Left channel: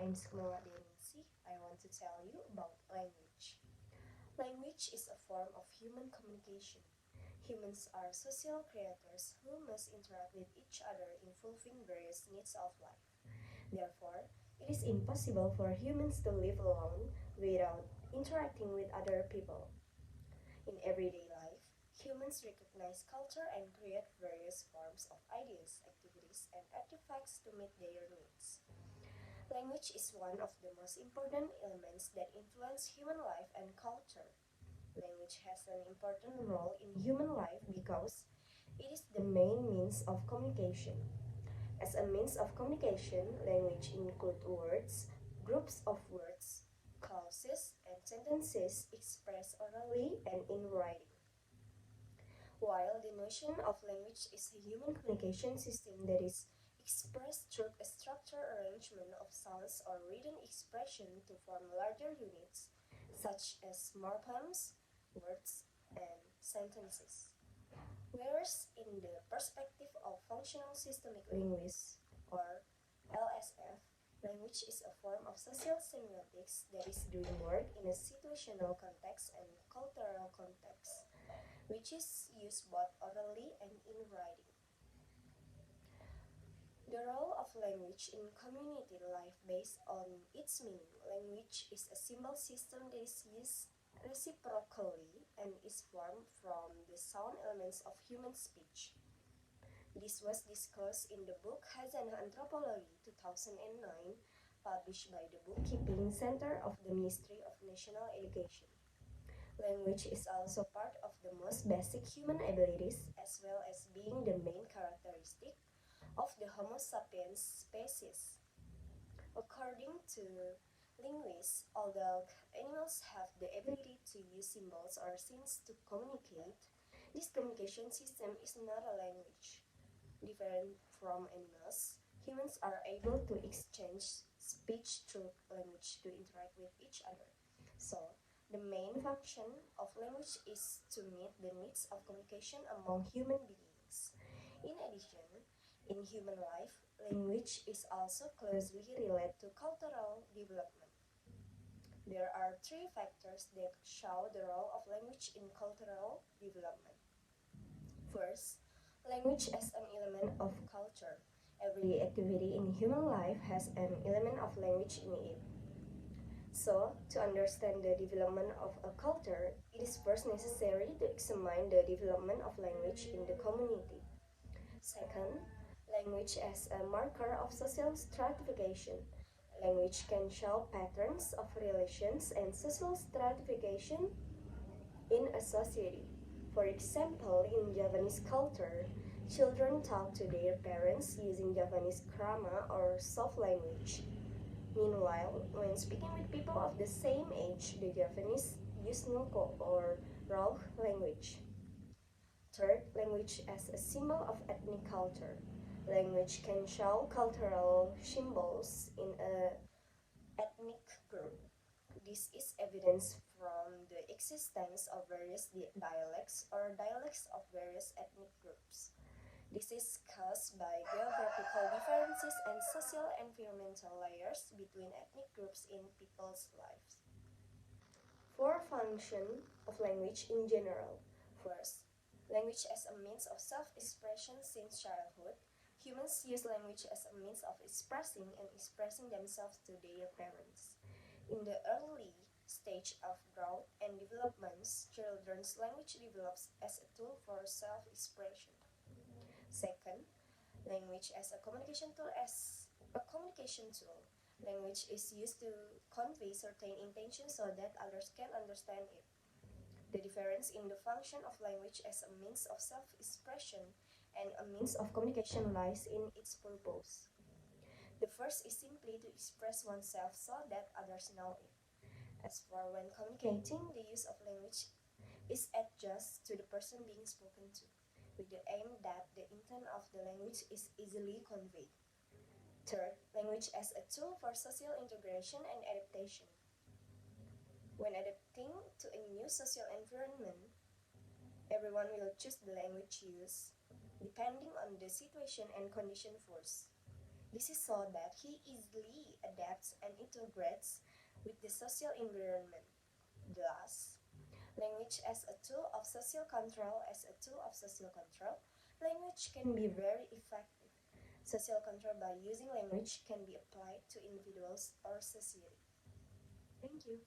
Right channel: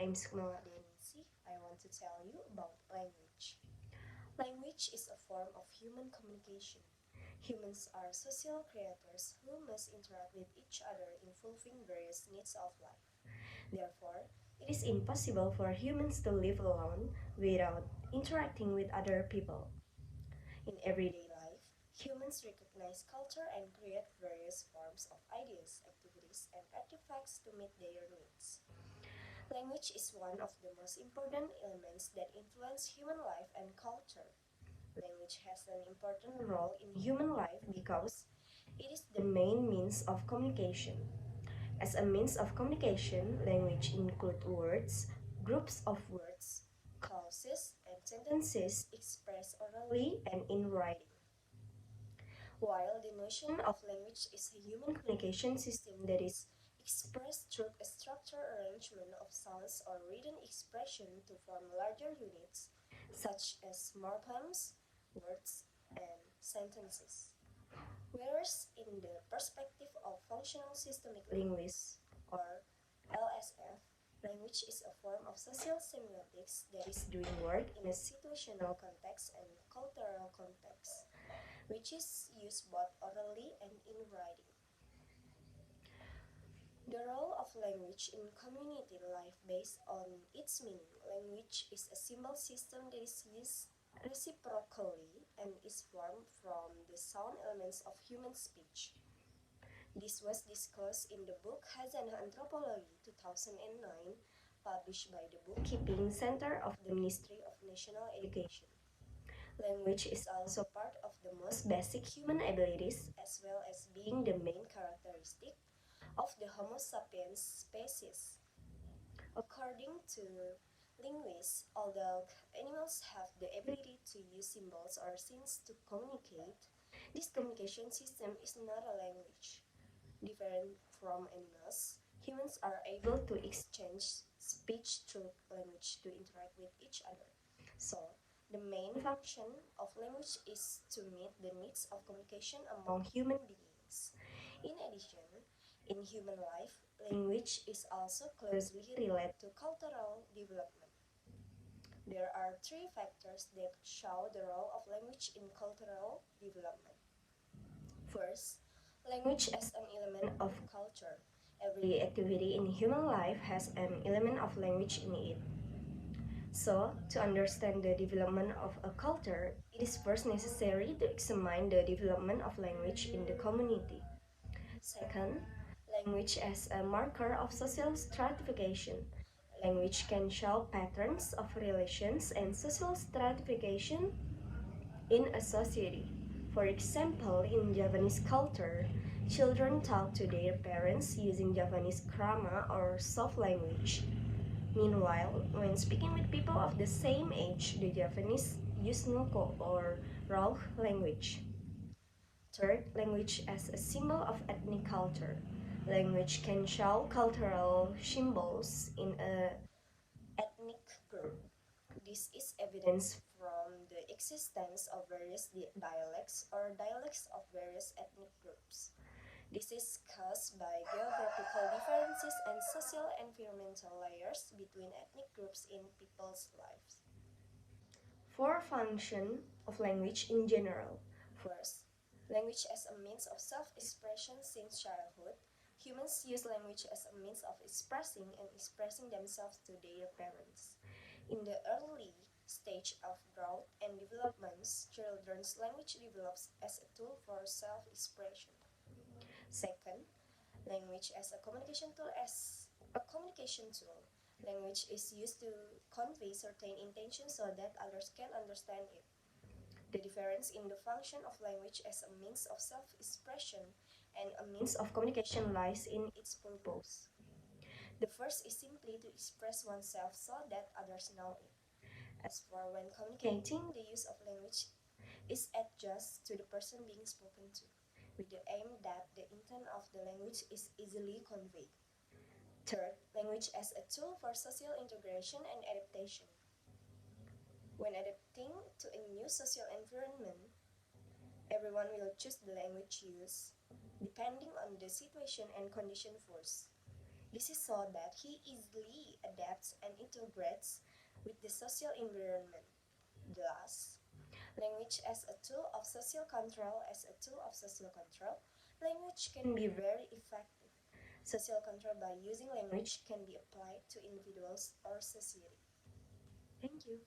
I'm Sukma Wardeaningsih. I want to tell you about language. Language is a form of human communication. Humans are social creatures who must interact with each other in fulfilling various needs of life. Therefore, it is impossible for humans to live alone without interacting with other people. In everyday life, humans recognize culture and create various forms of ideas, activities, and artifacts to meet their needs. Language is one of the most important elements that influence human life and culture. Language has an important role in human life because it is the main means of communication. As a means of communication, language includes words, groups of words, clauses, and sentences expressed orally and in writing. While the notion of language is a human communication system that is expressed through a structured arrangement of sounds or written expression to form larger units, such as morphemes, words, and sentences. Whereas in the perspective of functional systemic linguists, or LSF, language is a form of social semiotics that is doing work in a situational context and cultural context, which is used both orally and in writing. The role of language in community life based on its meaning. Language is a symbol system that is used reciprocally and is formed from the sound elements of human speech. This was discussed in the book Hazanah Anthropology 2009, published by the Bookkeeping Center of the Ministry of National Education. Language is also part of the most basic human abilities as well as being the main characteristic of the Homo sapiens species. According to linguists, although animals have the ability to use symbols or signs to communicate, this communication system is not a language. Different from animals, humans are able to exchange speech through language to interact with each other. So, the main function of language is to meet the needs of communication among human beings. In addition, in human life, language is also closely related to cultural development. There are three factors that show the role of language in cultural development. First, language as an element of culture. Every activity in human life has an element of language in it. So, to understand the development of a culture, it is first necessary to examine the development of language in the community. Second, language as a marker of social stratification. Language can show patterns of relations and social stratification in a society. For example, in Javanese culture, children talk to their parents using Javanese grammar or soft language. Meanwhile, when speaking with people of the same age, the Javanese use Nuko or Raw language. Third, language as a symbol of ethnic culture. Language can show cultural symbols in an ethnic group. This is evidence from the existence of various dialects or dialects of various ethnic groups. This is caused by geographical differences and social environmental layers between ethnic groups in people's lives. Four functions of language in general. First, language as a means of self-expression since childhood. Humans use language as a means of expressing themselves to their parents. In the early stage of growth and development, children's language develops as a tool for self-expression. Second, language as a communication tool. Language is used to convey certain intentions so that others can understand it. The difference in the function of language as a means of self-expression and a means of communication lies in its purpose. The first is simply to express oneself so that others know it. As for when communicating, the use of language is adjusted to the person being spoken to, with the aim that the intent of the language is easily conveyed. Third, language as a tool for social integration and adaptation. When adapting to a new social environment, everyone will choose the language used depending on the situation and condition first. This is so that he easily adapts and integrates with the social environment. Thus, language as a tool of social control, language can be very effective. Social control by using language can be applied to individuals or society. Thank you.